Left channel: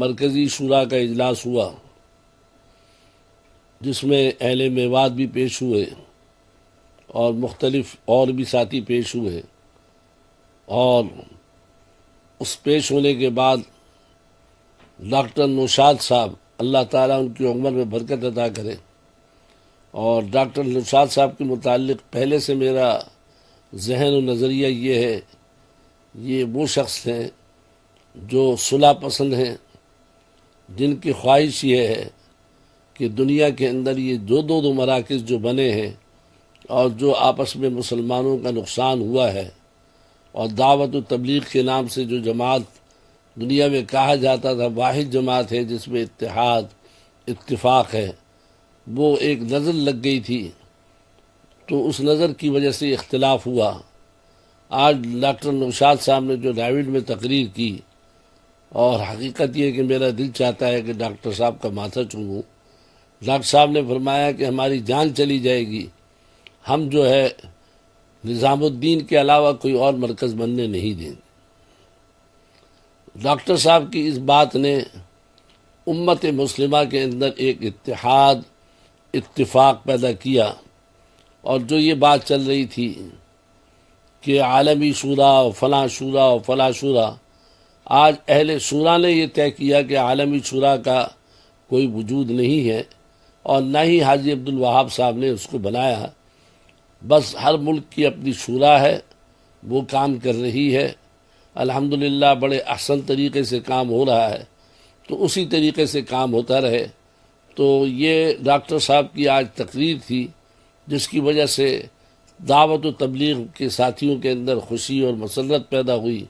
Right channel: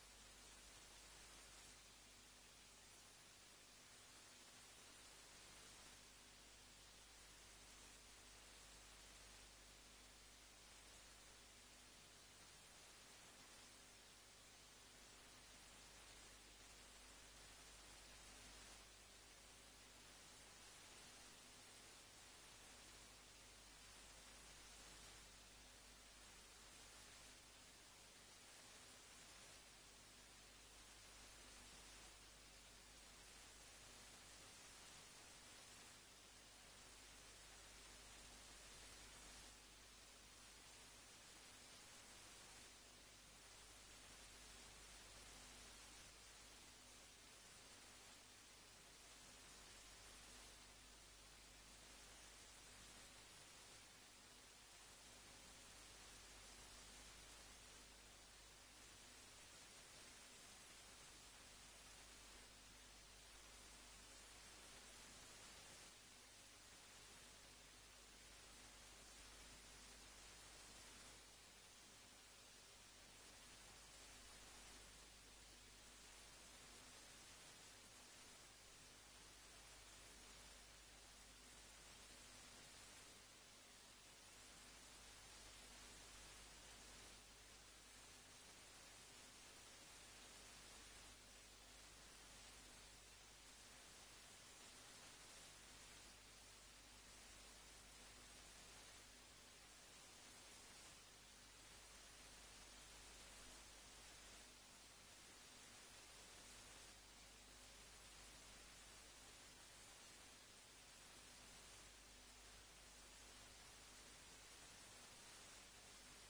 مرکزی شورا کا اجلاس ہوا جس میں اہل میوات بھی پیش ہوئے اور مختلف اور بھی ساتھی پیش ہوئے، اور اس پیش ہونے کے بعد ڈاکٹر نوشاد صاحب، اللہ تعالیٰ ان کی عمر میں برکت عطا کرے، اور ڈاکٹر نوشاد صاحب کے متعلق پہلے سے میرا ذہن و نظریہ یہ ہے، یہ وہ شخص ہیں جو صلح پسند ہیں، جن کی خواہش یہ ہے کہ دنیا کے اندر یہ دو مراکز جو بنے ہیں اور جو آپس میں مسلمانوں کا نقصان ہوا ہے، اور دعوت و تبلیغ کے نام سے جو جماعت دنیا میں کہا جاتا تھا واحد جماعت ہے جس میں اتحاد اتفاق ہے، وہ ایک نظر لگ گئی تھی، تو اس نظر کی وجہ سے اختلاف ہوا۔ آج ڈاکٹر نوشاد صاحب نے جو ڈیوڈ میں تقریر کی، اور حقیقت یہ کہ میرا دل چاہتا ہے کہ ڈاکٹر صاحب کا ماتھا چوموں۔ ڈاکٹر صاحب نے فرمایا کہ ہماری جان چلی جائے گی، ہم جو ہے نظام الدین کے علاوہ کوئی اور مرکز بننے نہیں دیں گے۔ ڈاکٹر صاحب کی اس بات نے امت مسلمہ کے اندر ایک اتحاد اتفاق پیدا کیا، اور جو یہ بات چل رہی تھی کہ عالمی شورا و فلاں شورا و فلاں شورا، آج اہل شورا نے یہ طے کیا کہ عالمی شورا کا کوئی وجود نہیں ہے، اور نہ ہی حاجی عبدالوہاب صاحب نے اس کو بنایا، بس ہر ملک کی اپنی شورا ہے، وہ کام کر رہی ہے، الحمدللہ بڑے احسن طریقے سے کام ہو رہا ہے، تو اسی طریقے سے کام ہوتا رہے۔ تو یہ ڈاکٹر صاحب کی آج تقریر تھی جس کی وجہ سے دعوت و تبلیغ کے ساتھیوں کے اندر خوشی اور مسرت پیدا ہوئی،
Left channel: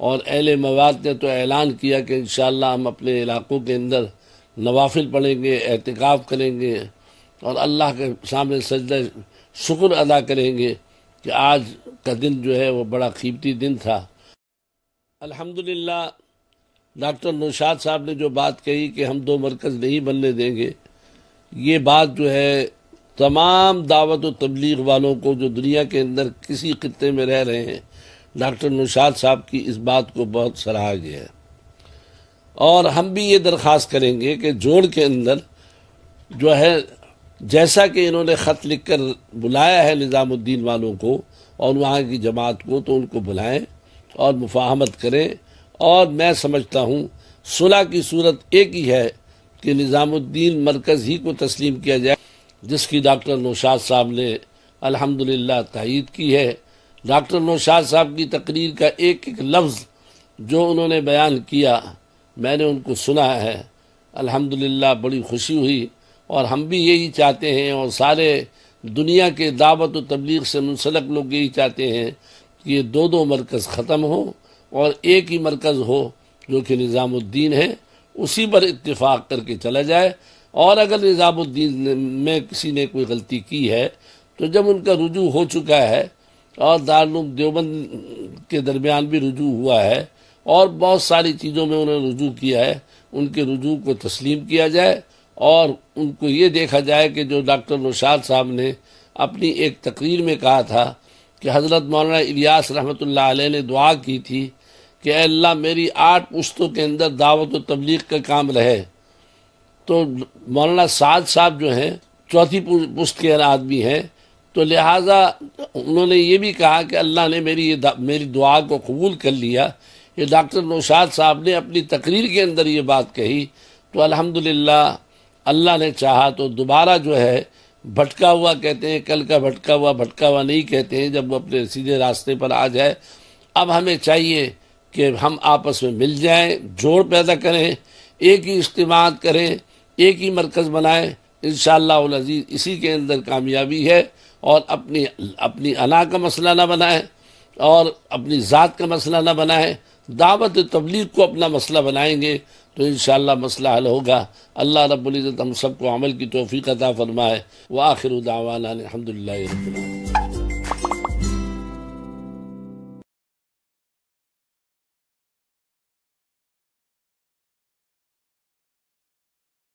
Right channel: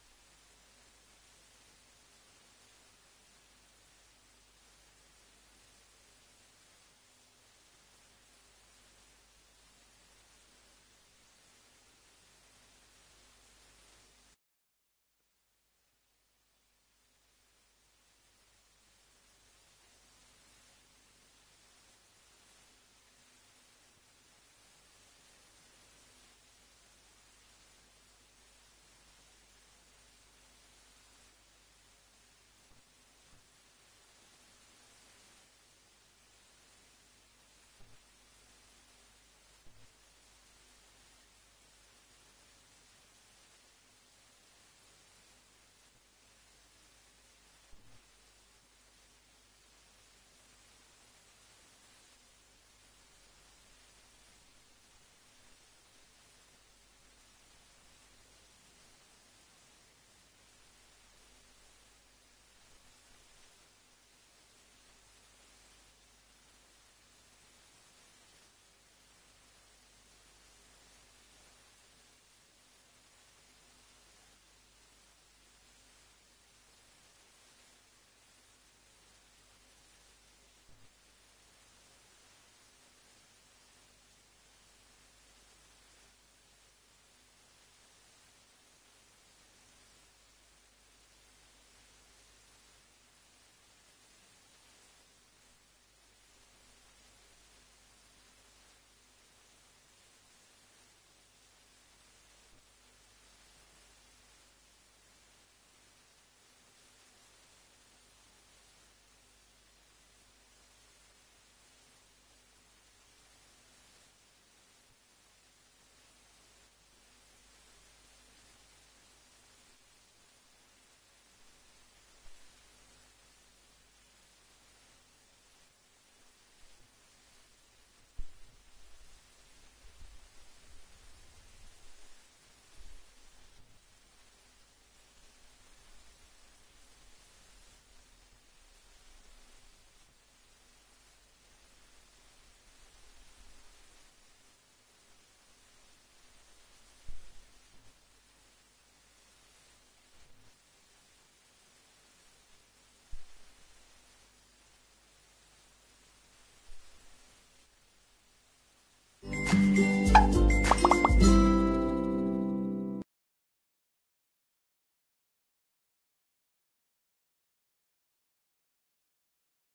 اور اہل مواد نے تو اعلان کیا کہ انشاءاللہ ہم اپنے علاقوں کے اندر نوافل پڑھیں گے، اعتکاف کریں گے، اور اللہ کے سامنے سجدہ شکر ادا کریں گے کہ آج کا دن جو ہے وہ بڑا قیمتی دن تھا۔ الحمدللہ ڈاکٹر نوشاد صاحب نے جو بات کہی کہ ہم دو مرکز نہیں بننے دیں گے، یہ بات جو ہے تمام دعوت و تبلیغ والوں کو جو دنیا کے اندر کسی خطے میں رہ رہے ہیں، ڈاکٹر نوشاد صاحب کی اس بات کو بہت سراہا گیا ہے۔ اور ہم بھی یہ درخواست کریں گے کہ جوڑ کے اندر جو ہے جیسا کہ انہوں نے خط لکھ کر بلایا ہے نظام الدین والوں کو اور وہاں کی جماعت کو، تو ان کو بلائیں اور مفاہمت کریں، اور میں سمجھتا ہوں صلح کی صورت ایک ہی ہے کہ نظام الدین مرکز ہی کو تسلیم کیا جائے، جس کی ڈاکٹر نوشاد صاحب نے الحمدللہ تائید کی ہے۔ ڈاکٹر نوشاد صاحب کی تقریر کا ایک ایک لفظ جو انہوں نے بیان کیا میں نے ان کو سنا ہے، الحمدللہ بڑی خوشی ہوئی، اور ہم بھی یہی چاہتے ہیں، اور سارے دنیا کے دعوت و تبلیغ سے منسلک لوگ یہی چاہتے ہیں کہ یہ دو مرکز ختم ہو اور ایک ہی مرکز ہو جو کہ نظام الدین ہے، اسی پر اتفاق کر کے چلا جائے۔ اور اگر نظام الدین میں کسی نے کوئی غلطی کی ہے تو جب ان کا رجوع ہو چکا ہے، اور دارالعلوم دیوبند کے درمیان بھی رجوع ہوا ہے، اور بہت ساری چیزوں میں انہوں نے رجوع کیا ہے، ان کے رجوع کو تسلیم کیا جائے، اور ان کو یہ دیکھا جائے کہ جو ڈاکٹر نوشاد صاحب نے اپنی ایک تقریر میں کہا تھا کہ حضرت مولانا الیاس رحمۃ اللہ علیہ نے دعا کی تھی کہ اے اللہ میری 8 پشتوں کے اندر دعوت و تبلیغ کا کام رہے، تو مولانا سعد صاحب جو ہیں 4تھی پشت کے آدمی ہیں، تو لہٰذا انہوں نے یہ بھی کہا کہ اللہ نے میری دعا کو قبول کر لیا۔ یہ ڈاکٹر نوشاد صاحب نے اپنی تقریر کے اندر یہ بات کہی، تو الحمدللہ اللہ نے چاہا تو دوبارہ جو ہے بھٹکا ہوا کہتے ہیں، کل کا بھٹکا ہوا نہیں کہتے ہیں جب وہ اپنے سیدھے راستے پر آ جائے۔ اب ہمیں چاہیے کہ ہم آپس میں مل جائیں، جوڑ پیدا کریں، ایک ہی اجتماعات کریں، ایک ہی مرکز بنائیں، انشاءاللہ العزیز اسی کے اندر کامیابی ہے۔ اور اپنی انا کا مسئلہ نہ بنائیں اور اپنی ذات کا مسئلہ نہ بنائیں، دعوت تبلیغ کو اپنا مسئلہ بنائیں گے تو انشاءاللہ مسئلہ حل ہوگا۔ اللہ رب العزت ہم سب کو عمل کی توفیق عطا فرمائے۔ وآخر دعوانا الحمدللہ۔